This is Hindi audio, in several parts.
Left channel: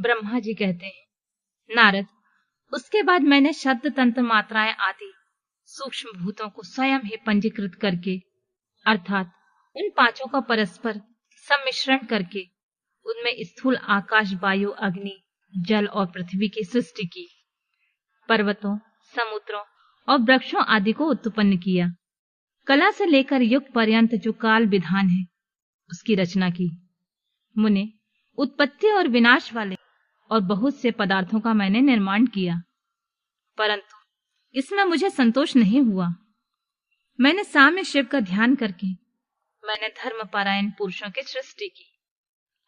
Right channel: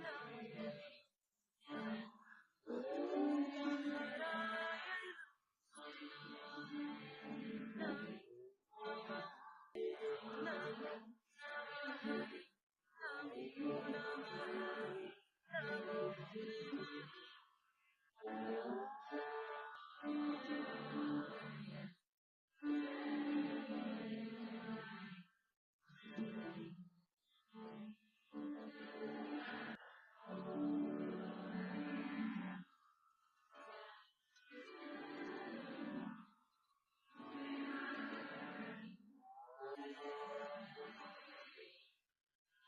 ब्रह्मा जी कहते हैं, नारद, उसके बाद मैंने शब्द तंत्र मात्राएं आदि सूक्ष्म भूतों को स्वयं ही पंजीकृत करके अर्थात उन पांचों का परस्पर सम्मिश्रण करके उनमें स्थूल आकाश, वायु, अग्नि, जल और पृथ्वी की सृष्टि की। पर्वतों, समुद्रों और वृक्षों आदि को उत्पन्न किया। कला से लेकर युग पर्यंत जो काल विधान है उसकी रचना की। मुने, उत्पत्ति और विनाश वाले और बहुत से पदार्थों का मैंने निर्माण किया, परंतु इसमें मुझे संतोष नहीं हुआ। मैंने साम्य शिव का ध्यान करके मैंने धर्मपरायण पुरुषों की सृष्टि की।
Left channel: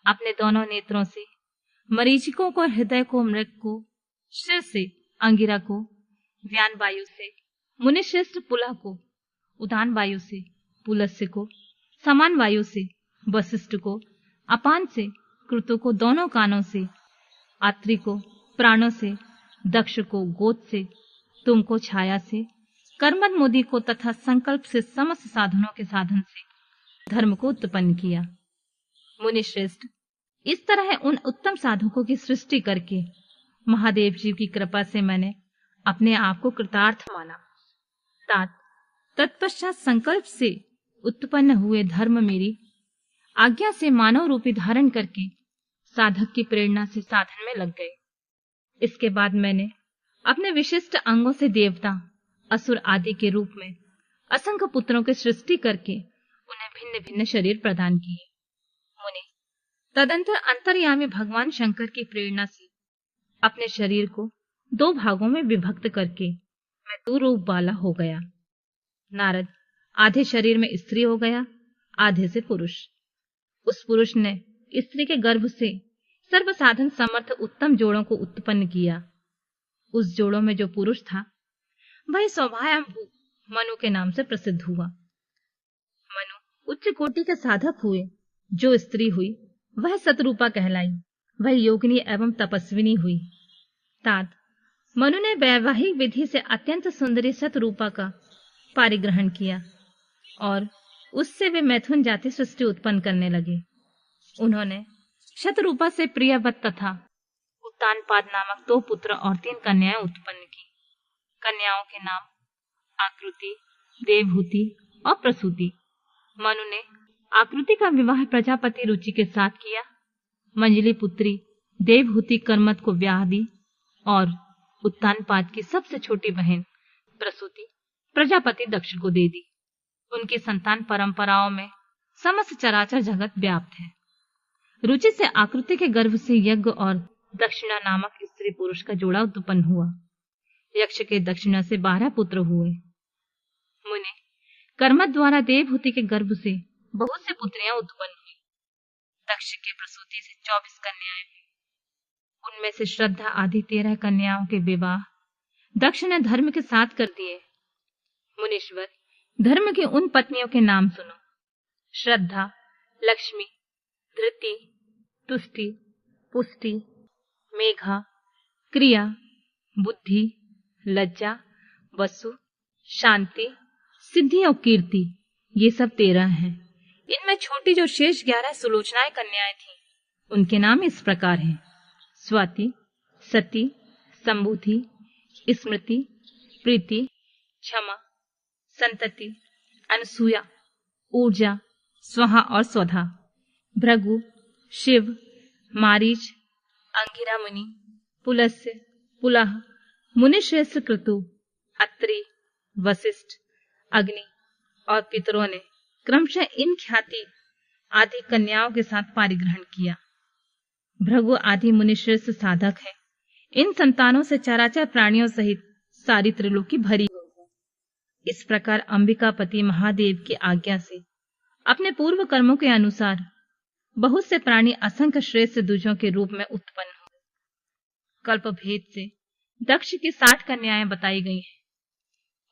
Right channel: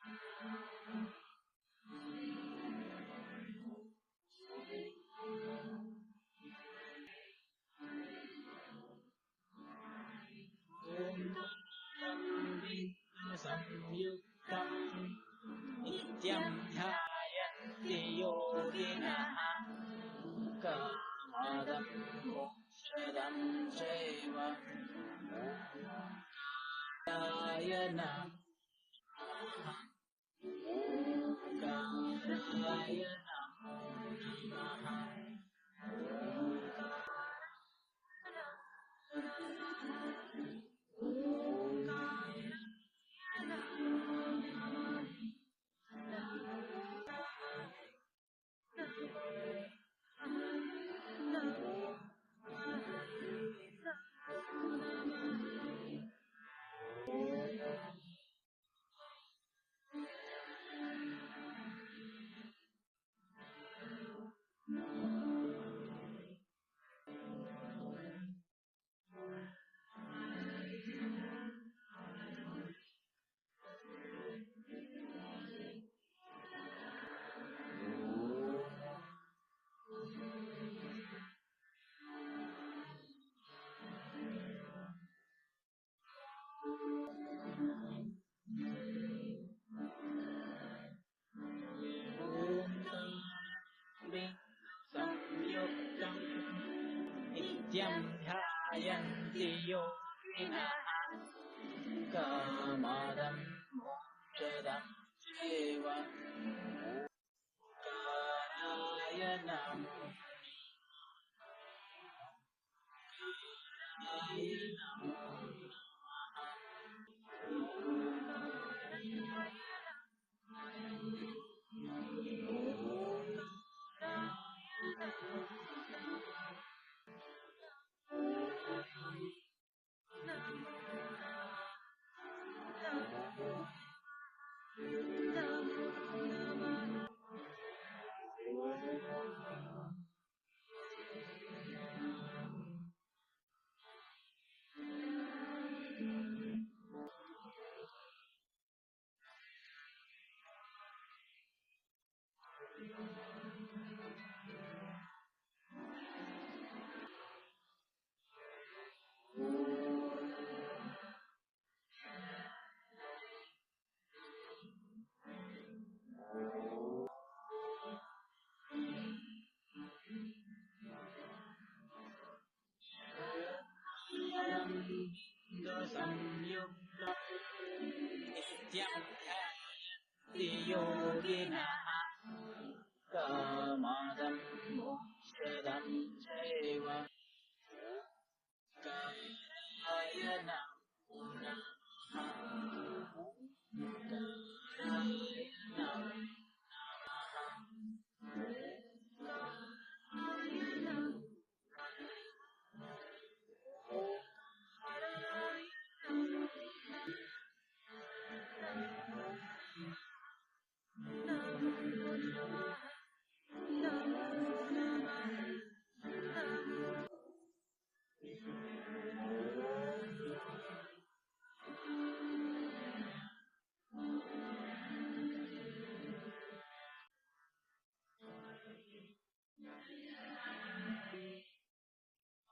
अपने दोनों नेत्रों से मरीचिकों को, हृदय को मृग को, शिर से अंगिरा को, व्यान वायु से मुनिश्रेष्ठ पुलह को, उदान वायु से पुलस्त्य को, समान वायु से वशिष्ठ को, अपान से कृतु को, दोनों कानों से आत्री को, प्राणों से दक्ष को, गोद से तुमको, छाया से कर्मद मुदि को तथा संकल्प से समस्त साधनों के साधन से धर्म को उत्पन्न किया। मुनिश्रेष्ठ, इस तरह उन उत्तम साधकों की सृष्टि करके महादेव जी की कृपा से मैंने अपने आप को कृतार्थ माना। तत्पश्चात संकल्प से उत्पन्न हुए धर्म मेरी आज्ञा से मानव रूपी धारण करके साधक की प्रेरणा से साधन में लग गए। इसके बाद मैंने अपने विशिष्ट अंगों से देवता, असुर आदि के रूप में असंख्य पुत्रों की सृष्टि करके उन्हें भिन्न भिन्न शरीर प्रदान किए। मुनि, तदंतर अंतर्यामी भगवान शंकर की प्रेरणा से अपने शरीर को 2 भागों में विभक्त करके मैं 2 रूप वाला हो गया। नारद, आधे शरीर में स्त्री हो गया, आधे से पुरुष। उस पुरुष ने स्त्री के गर्भ से सर्व साधन समर्थ उत्तम जोड़ों को उत्पन्न किया। उस जोड़ों में जो पुरुष था वह सौभायंभू मनु के नाम से प्रसिद्ध हुआ। मनु उच्च कोटि के साधक हुए। जो स्त्री हुई वह सतरूपा कहलाई। वह योगिनी एवं तपस्विनी हुई। मनु ने वैवाहिक विधि से अत्यंत सुंदरी सतरूपा का पारिग्रहण किया और उससे वे मैथुन जाति सृष्टि उत्पन्न करने लगे। उन्होंने शतरूपा से प्रियवत तथा उत्तानपाद नामक 2 पुत्र और 3 कन्याएं उत्पन्न की। कन्याओं के नाम आकृति, देवहूति और प्रसूति। मनु ने आकृति का विवाह प्रजापति रुचि के साथ किया। मंजली पुत्री देवहूति कर्मत को ब्याह दी और उत्तानपाद की सबसे छोटी बहन प्रसूति प्रजापति दक्ष को दे दी। उनकी संतान परंपराओं में समस्त चराचर जगत व्याप्त है। रुचि से आकृति के गर्भ से यज्ञ और दक्षिणा नामक स्त्री पुरुष का जोड़ा उत्पन्न हुआ। यक्ष के दक्षिणा से 12 पुत्र हुए। मुनि, कर्मत द्वारा देवहूति के गर्भ से बहुत सी पुत्रियां उत्पन्न हुई। दक्ष की प्रसूति से 24 कन्याएं हुई। उनमें से श्रद्धा आदि 13 कन्याओं के विवाह दक्ष ने धर्म के साथ कर दिए। मुनीश्वर, धर्म की उन पत्नियों के नाम सुनो। श्रद्धा, लक्ष्मी, धृति, तुष्टि, पुष्टि, मेघा, क्रिया, बुद्धि, लज्जा, वसु, शांति, सिद्धि और कीर्ति, ये सब 13 हैं। इनमें छोटी जो शेष 11 सुलोचनाएं कन्याएं थीं, उनके नाम इस प्रकार हैं: स्वाति, सती, संबुधि, स्मृति, प्रीति, क्षमा, संतति, अनसूया, ऊर्जा, स्वाहा और स्वधा, भृगु, शिव, मारीच, अंगिरा मुनि, पुलस्त्य, पुलह, मुनिश्रेष्ठ कृतु, अत्रि, वशिष्ठ, अग्नि और पितरों ने क्रमशः इन ख्याति आदि कन्याओं के साथ पारिग्रहण किया। भृगु आदि मुनिश्रेष्ठ साधक है। इन संतानों से चराचर प्राणियों सहित सारी त्रिलोकी भरी हो। इस प्रकार अंबिकापति महादेव की आज्ञा से अपने पूर्व कर्मों के अनुसार बहुत से प्राणी असंख्य श्रेष्ठ द्विजों के रूप में उत्पन्न हुए। कल्प भेद से दक्ष की 60 कन्याएं बताई गई हैं।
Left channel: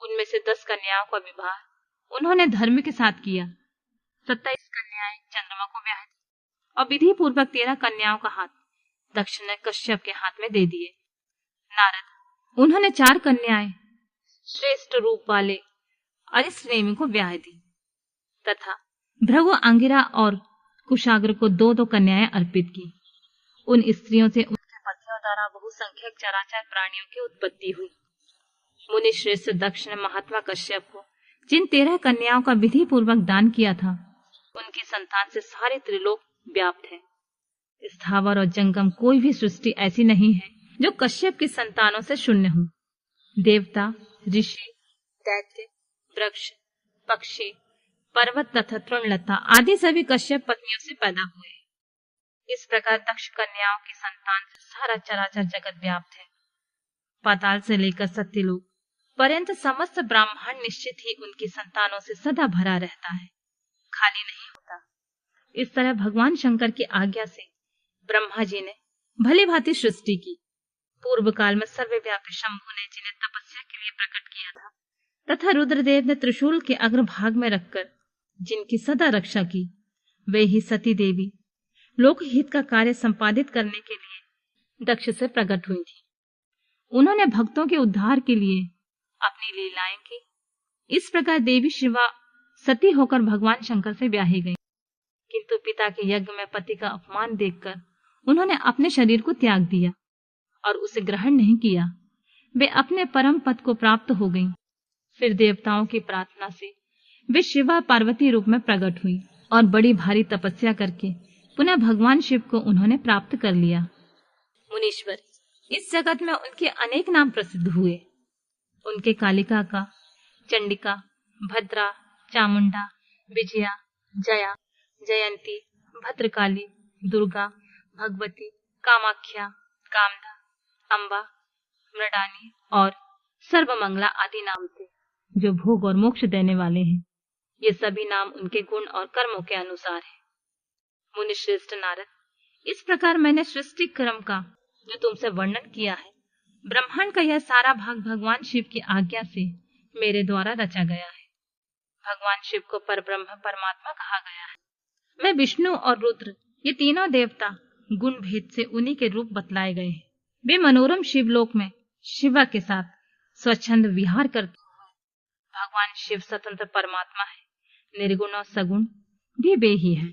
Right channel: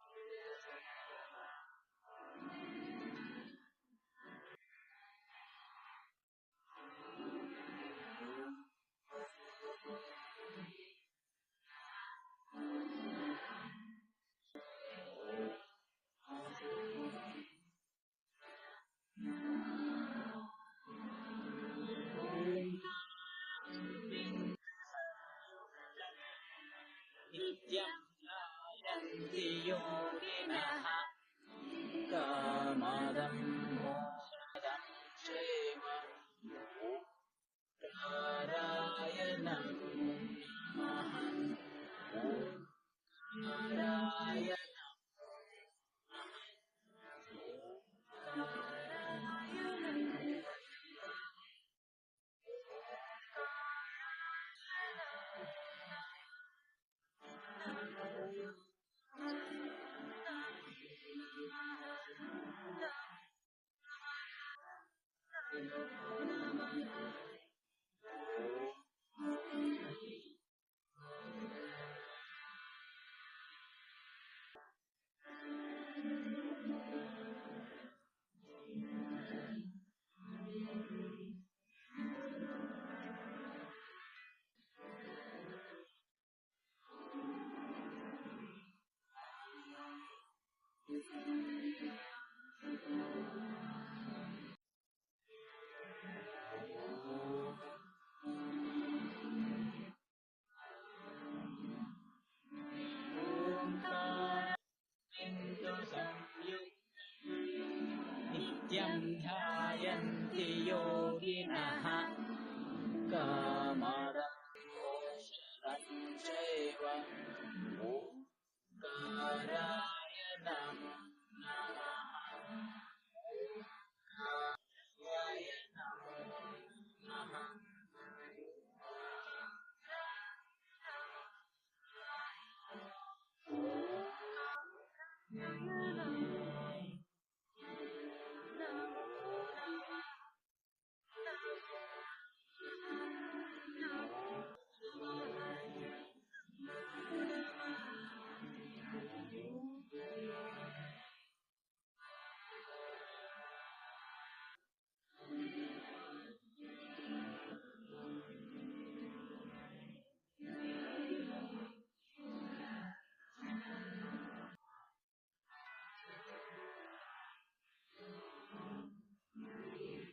उनमें से 10 कन्याओं का विवाह उन्होंने धर्म के साथ किया। 27 कन्याएं चंद्रमा को ब्याह दी और विधि पूर्वक 13 कन्याओं का हाथ दक्ष ने कश्यप के हाथ में दे दिए। नारद, उन्होंने 4 कन्याएं श्रेष्ठ रूप वाले अरिष्टनेमि को ब्याह दी तथा भृगु, अंगिरा और कुशाग्र को 2-2 कन्याएं अर्पित की। उन स्त्रियों से उनके असंख्यक चराचर प्राणियों की उत्पत्ति हो। मुनि श्रेष्ठ दक्ष ने महात्मा कश्यप को जिन 13 कन्याओं का विधि पूर्वक दान किया था, उनकी संतान से सारे त्रिलोक व्याप्त है। स्थावर और जंगम कोई भी सृष्टि ऐसी नहीं है जो कश्यप की संतानों से शून्य हो। देवता, ऋषि, दैत्य, वृक्ष, पक्षी, पर्वत तथा तृणलता आदि सभी कश्यप पत्नियों से पैदा हुए। इस प्रकार दक्ष कन्याओं की संतान से सारा चराचर जगत व्याप्त है। पाताल से लेकर सत्यलोक पर्यंत समस्त ब्रह्मांड निश्चित ही उनकी संतानों से सदा भरा रहता है, खाली नहीं होता। इस तरह भगवान शंकर की आज्ञा से ब्रह्मा जी ने भली भांति सृष्टि की। पूर्व काल में सर्वव्यापी शंभु ने जिन्हें तपस्या के लिए प्रकट किया था तथा रुद्रदेव ने त्रिशूल के अग्रभाग में रखकर जिनकी सदा रक्षा की, वे ही सती देवी लोकहित का कार्य संपादित करने के लिए दक्ष से प्रकट हुई थी। उन्होंने भक्तों के उद्धार के लिए अपनी लीलाएं की। इस प्रकार देवी शिवा सती होकर भगवान शंकर से ब्याही गई, किंतु पिता के यज्ञ में पति का अपमान देखकर उन्होंने अपने शरीर को त्याग दिया और उसे ग्रहण नहीं किया। वे अपने परम पद को प्राप्त हो गईं। फिर देवताओं की प्रार्थना से वे शिवा पार्वती रूप में प्रकट हुई और बड़ी भारी तपस्या करके पुनः भगवान शिव को उन्होंने प्राप्त कर लिया। मुनीश्वर, इस जगत में उनके अनेक नाम प्रसिद्ध हुए। उनके कालिका का, चंडिका, भद्रा, चामुंडा, विजया, जया, जयंती, भद्रकाली, दुर्गा, भगवती, कामाख्या, कामदा, अम्बा, मृडानी और सर्वमंगला आदि नाम थे, जो भोग और मोक्ष देने वाले हैं। ये सभी नाम उनके गुण और कर्मों के अनुसार है। मुनि श्रेष्ठ नारद, इस प्रकार मैंने सृष्टि क्रम का जो तुमसे वर्णन किया है, ब्रह्मांड का यह सारा भाग भगवान शिव की आज्ञा से मेरे द्वारा रचा गया है। भगवान शिव को परब्रह्म परमात्मा कहा गया है। मैं विष्णु और रुद्र, ये तीनों देवता गुण भेद से उन्हीं के रूप बतलाए गए हैं। वे मनोरम शिवलोक में शिवा के साथ स्वच्छंद विहार करते हैं। भगवान शिव स्वतंत्र परमात्मा है, निर्गुण और सगुण भी वे ही है।